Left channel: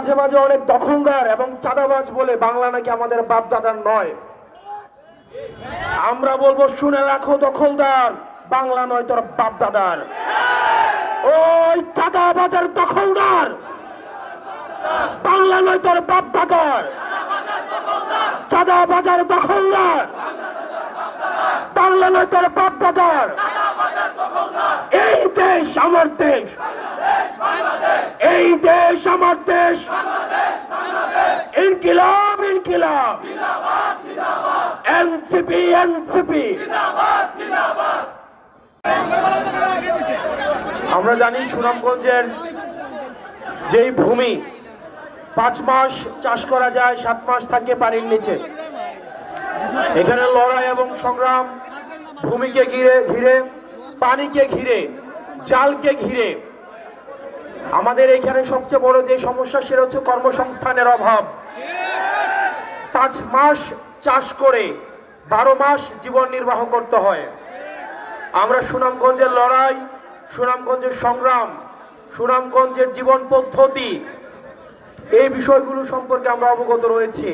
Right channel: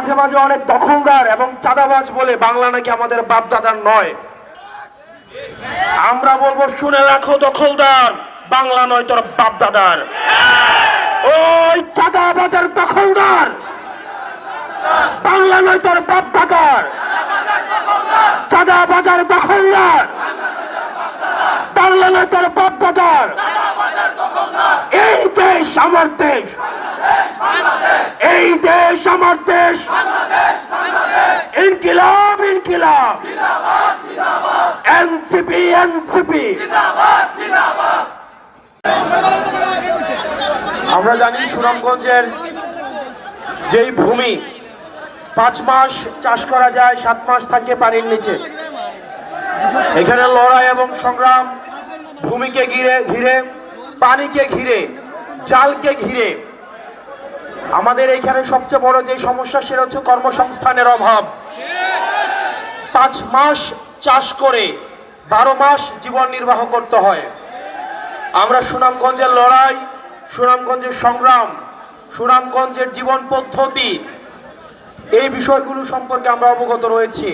মাঝে মাঝে অনেক দখলদার এবং চাঁদাবাজ বলে বাংলা নাকি আমাদের বাপদাদার নয়। আমরা বলবো শুনে রাখো দখলদার, বাংলা নয় তোর বাপদাদার। ওই চাঁদাবাজের দখলদার, বাংলা নয় তোর বাপদাদার। চাঁদাবাজার দখলদার, বাংলা নয় তোর বাপদাদার। এই দেশ আমার দেশ, এই দেশ আমার দেশ। ইনকিলাব ইনকিলাব, এনসিপি এনসিপি। আমরা জানি সুনামগঞ্জের যেই ভূমি 5 মাস চাষ করা যায়, 7 মাস থাকে পানির নিচে। এখানে লড়াই এবং সংগ্রাম ভূমিকে ঘিরে, পানিকে ঘিরে, জালকে ঘিরে। আমাদের এখানে সবচেয়ে বড় যে সমস্যা সেটা হচ্ছে কর্মসংস্থানের অভাব। 5 মাস চাষ করে 12 মাস জীবন নির্বাহ করতে হয়। আমরা সুনামগঞ্জের লড়াই, সুনামগঞ্জের সংগ্রাম, সুনামগঞ্জের জীবন পদ্ধতি, এই বিষয়গুলো সম্পর্কে আমরা অবগত রয়েছি।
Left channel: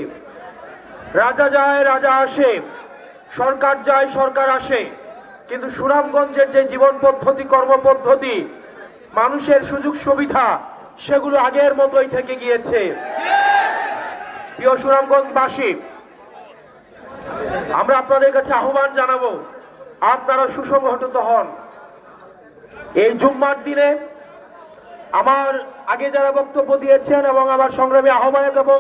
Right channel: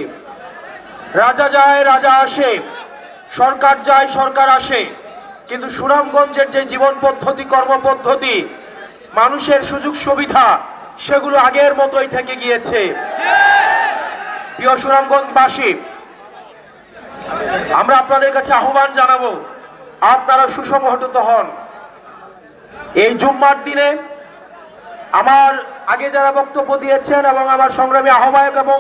রাজা যায় রাজা আসে, সরকার যায় সরকার আসে, কিন্তু সুনামগঞ্জের যে জীবন পদ্ধতি, কর্মপদ্ধতি, মানুষের সুযোগ সুবিধা, সেগুলো আগের মতোই থেকে গিয়েছে। প্রিয় সুনামগঞ্জবাসী, আমরা আপনাদের কাছে আহ্বান জানাবো, আপনারা সুসংগঠিত হন। এই জুম্মার দিনে আমার আগে যারা বক্তব্য দিয়েছেন এবং আমার সংগ্রামী আহ্বায়ক এবং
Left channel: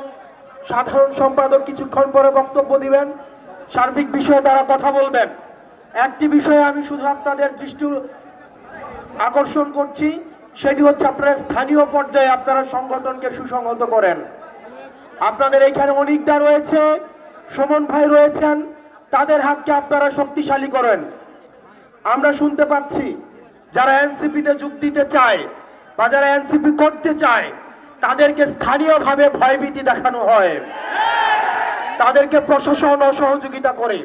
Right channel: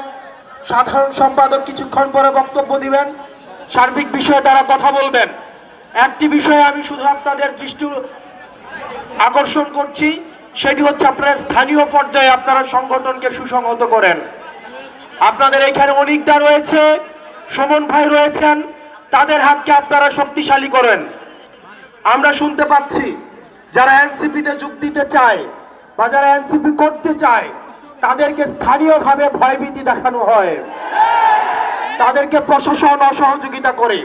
সাধারণ সম্পাদক কিছুক্ষণ পরে বক্তব্য দিবেন, সার্বিক বিষয়ে তারা কথা বলবেন। একটি বিষয়ে আমি শুধু আপনাদের দৃষ্টি আকর্ষণ করছি, সেটি হচ্ছে আপনারা স্থানীয় পর্যায়ে আপনারা সংগঠনকে সুসংহত করেন। আপনাদের এখানে অনিকদা রয়েছে, সুমন ভাই রয়েছেন, তাদের হাতকে আপনারা শক্তিশালী করেন। আমরা শুনতে পাচ্ছি যারা এনসিপিতে যোগ দিতে চায় বা যারা এনসিপি করতে চায়, তাদেরকে স্থানীয়ভাবে ভয়ভীতি দেখানো হয়, তাদেরকে প্রশাসন অসহযোগিতা করে।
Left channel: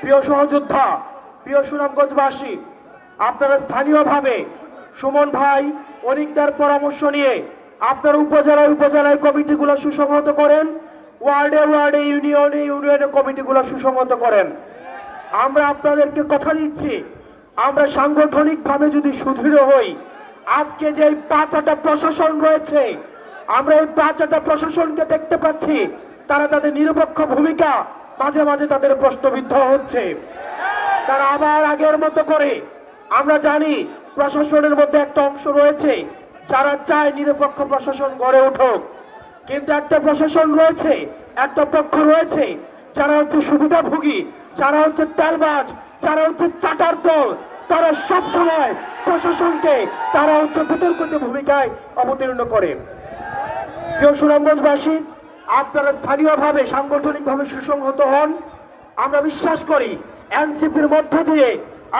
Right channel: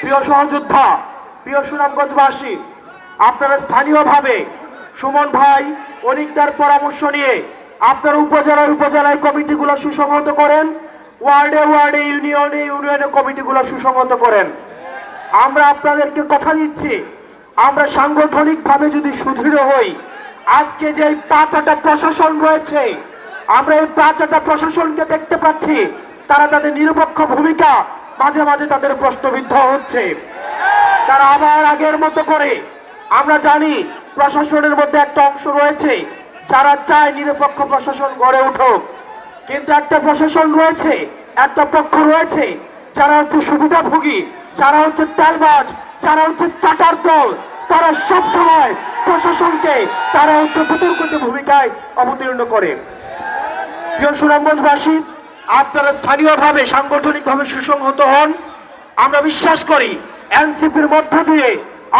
প্রিয় সহযোদ্ধা, প্রিয় সুনামগঞ্জবাসী, আপনারা স্থানীয়ভাবে সুমন ভাই অনিকদার পরামর্শ নিয়ে আপনারা উপজেলায় কমিটিগুলো সুসংহত করেন, ওয়ার্ডে ওয়ার্ডে, ইউনিয়নে ইউনিয়নে কমিটিগুলো সুসংহত করেন। আমরা আপনাদেরকে কথা দিচ্ছি, আমরা সাংগঠনিকভাবে যদি সুদৃঢ় হই, আজকে যে 5টা প্রশাসন রয়েছে, আমরা এই 5টা প্রশাসনকে দেখতে পাচ্ছি তারা তাদের নিরপেক্ষ ভূমিকা মাঝে মাঝে তাদের প্রশ্নবিদ্ধ হচ্ছে। তারা আবার আগের মতো করে, আমরা জানি প্রশাসনের মধ্যে একটা অংশ রয়েছে যারা চায় নিরপেক্ষ প্রশাসন গড়ে উঠুক, কিন্তু একটা প্রশাসন রয়েছে, একটা পক্ষ রয়েছে যারা হচ্ছে সুবিধাভোগী, যারা হচ্ছে তেলবাজ, যারা হচ্ছে চাটার দল। তারা সবসময় প্রশাসনকে তারা হচ্ছে বিতর্কিত ভূমিকায় অবতীর্ণ করে। প্রিয় সুনামগঞ্জবাসী, আপনারা স্থানীয়ভাবে সাংগঠনিকভাবে সুসংহত হন। আমরা বিশ্বাস করি এনসিপির মধ্য দিয়ে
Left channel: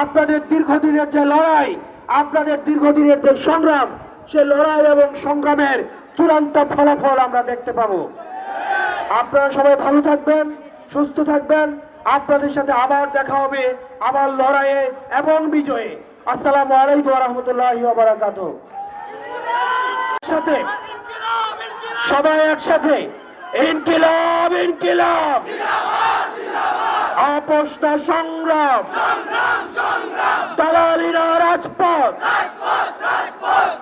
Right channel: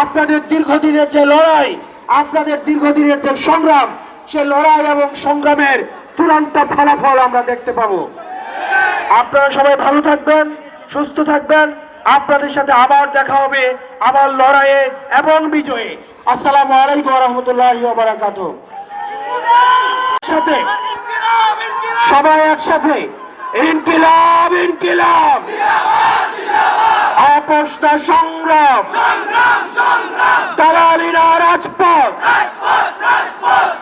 আপনাদের দীর্ঘদিনের যে লড়াই, আপনাদের দীর্ঘদিনের যে সংগ্রাম, সে লড়াই এবং সংগ্রামের চূড়ান্ত ফলাফল আমরা দেখতে পাবো। আপনারা সবাই ভালো থাকবেন, সুস্থ থাকবেন। আপনাদের সাথে আবার দেখা হবে, আবার লড়াইয়ে এবং বিজয়ে। আসসালামু আলাইকুম ওয়া রাহমাতুল্লাহি ওয়া বারাকাতুহু। সাথে সবাই একসাথে ইনকিলাব ইনকিলাব, আপোষ না সংগ্রাম, দালালিরা রাজপথ,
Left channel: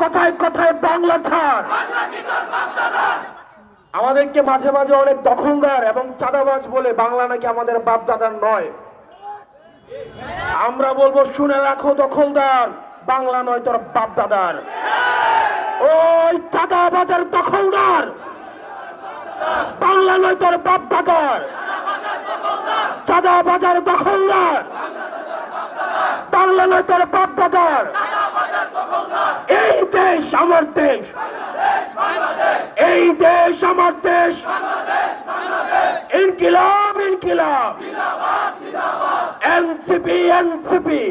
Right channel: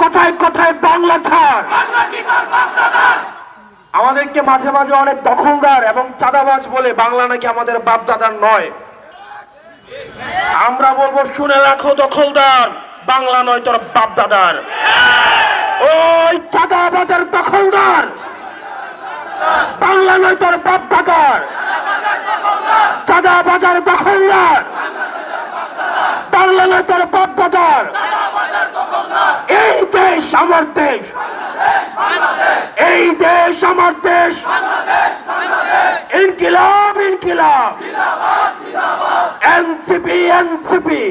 কথায় কথায় বাংলা ছাড়। আমাদেরকে মাঝে মাঝে অনেক দখলদার এবং চাঁদাবাজ বলে বাংলা নাকি আমাদের বাপদাদার নয়। আমরা বলবো শুনে রাখো দখলদার, বাংলা নয় তোর বাপদাদার। ওই চাঁদাবাজের দখলদার, বাংলা নয় তোর বাপদাদার। চাঁদাবাজার দখলদার, বাংলা নয় তোর বাপদাদার। এই দেশ আমার দেশ, এই দেশ আমার দেশ। ইনকিলাব ইনকিলাব, এনসিপি এনসিপি।